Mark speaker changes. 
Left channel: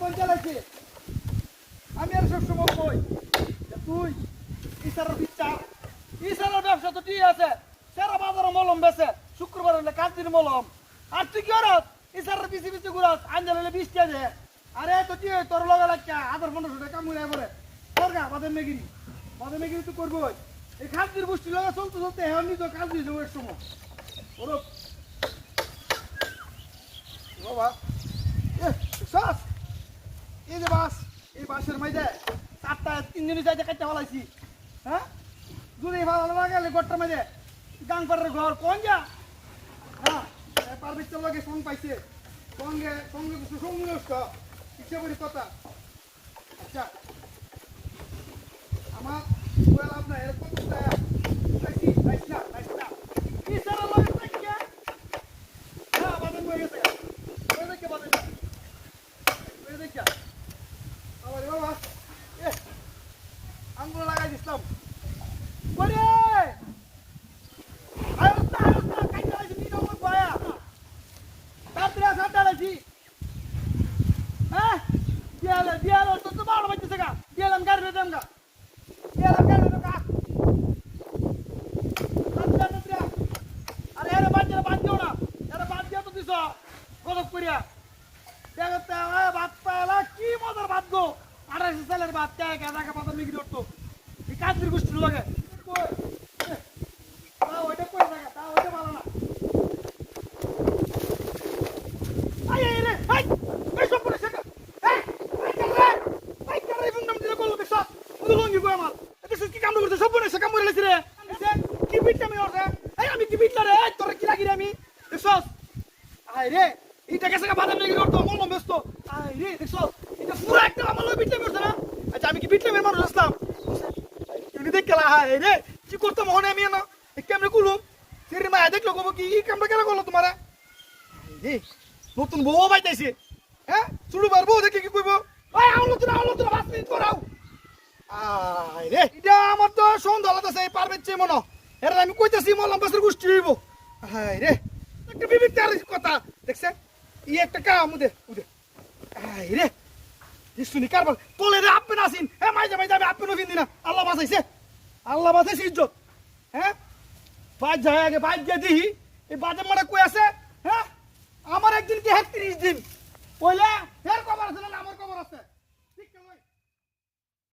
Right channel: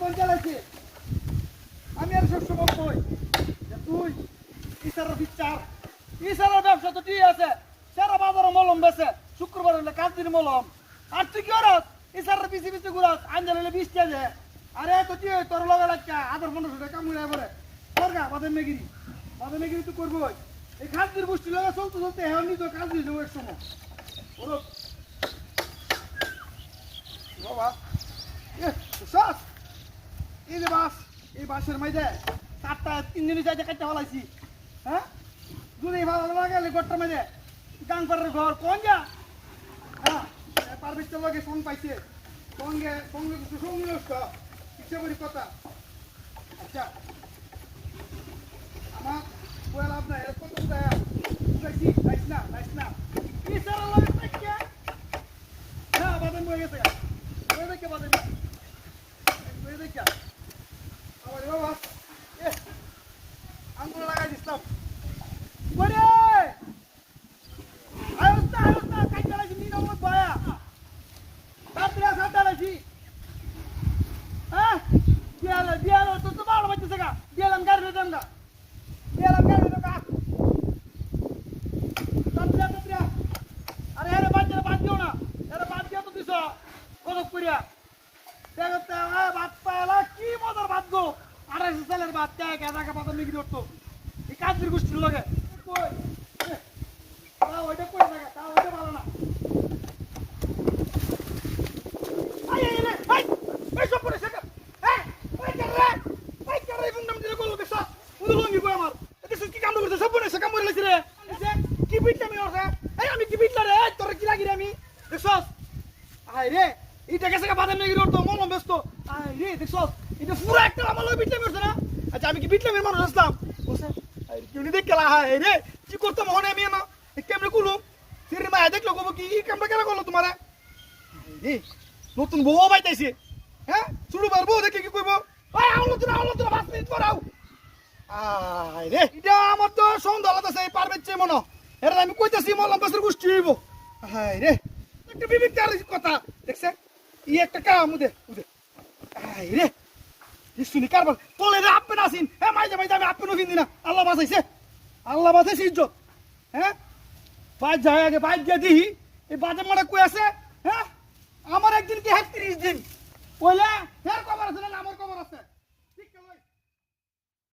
Speaker 1: কোন চালাইছে। আমি আর সব সময় কই? তুই ইসারের বিচ্ছা ইসারের ব্যবসা তো ঠিক আছে, সারা বাজারে মলম বেছে শুক্রবার হলে কাজ দিন মলম। আর তুই কি করত ইসারের পিছিয়ে পিছিয়ে ঘুরত আঞ্জাল হলে বিশ দেয় আরে তো তুই তোর লগে লাগছে আধার পনেরোশো টাকা কামড়ে করে তোর গা বাদের মেগিরি বাদের মেগিরি তুই করব এই দিন গোষ্ঠী লগে চলতে চলতে হ্যাঁ নিজে কাজ দিয়ে এক সময়। বাবা। সস। এই যে বাস, এই বাসের মাঝে চারটা তিন দিনের যাইতে কাটতে ফেলাইছি। হ্যাঁ? যদি ভালো গেলে গোটটার মাইজে গান করার ঘর কোন যা? হ্যাঁ পারমিশন লাগে সঙ্গ পাইছে। সঙ্গে সঙ্গে কিছু সঙ্গে করি কথা। আচ্ছা আমার বলে আপনার এরকম কত টাকা বুঝাইছি নাইস না নাইস না কি সারা লাগে থাকে হ্যাঁ বাদেন বই গেছে বই দেখে বাদেন বই দেখে আবার বাবা এ আঙ্গুল লাগাই দিতাম বলে আরে তার তার কাজ লাগি নি না ওই বয়া সাতটা সাতটা লাগি হ্যাঁ দিয়ালা দিয়ালা তো তো ভালো বাজছে গা দিয়ালাম গাড়ি দেন গা দিয়ালাম গাড়ি দেন গা সাতটা সাতটা আরে এরে বাজছে বাজছো না এরে বাজছে তো দিছ গরম করিয়া দেখতে আ ভাত পালা কি মজার ভাত গো। আড়াইশো সালের ভাত কে গাদা পাতা নিগি ধরতো। এই কাজের গোষ্ঠীর লগে। আমি কি বিটলা রে কি লাগি আমি দেখছ আই রে এটা গেছে বাদাম নেগি রতো মলম ব্যস্ত আই রে দেখছ এটা পুরো একটা আমার লগে বিটলে মেরছে না আচ্ছা আমি কি বিটলে মের মানুষ আসলাম গেলা হাই রে? কি করতাম মনে আমি না কেমনে কুলো ফিরে মা দেখল কব কি? এই কামটা কেন করল তোমারা? রে, নতুন বউ পাইতাইছে। হ্যাঁ? শুরু পারব দেখে কি কইব? ওই আউলো তুমি পাঁচ মিনিট করাও আই রে, এটা আমার তো সন্ধ্যা আলাদা সেই পারবে চেয়ে মনো। আমি কইতাছি বাসের গোষ্ঠী হইব। হাই রে, একটা বিবিটার কথা, দেখছে? ই একটা কাম উদে উদে। আই রে শুনি কারবার তোলে রে আপনি আসিন। হ্যাঁ মাইজা মাইজা, আমি আপনি নফিন দিনা আল্লাহ বাঁচাইছে। আল্লাহ বাঁচাইছে ইজ্জত। হ্যাঁ? বাদ যায় আগে বাদ দিয়ে দিহি। এই বাজে মারা কই আছে? হ্যাঁ? আমার একদিন কি হ্যাঁ ত্রিশ দিন। কবার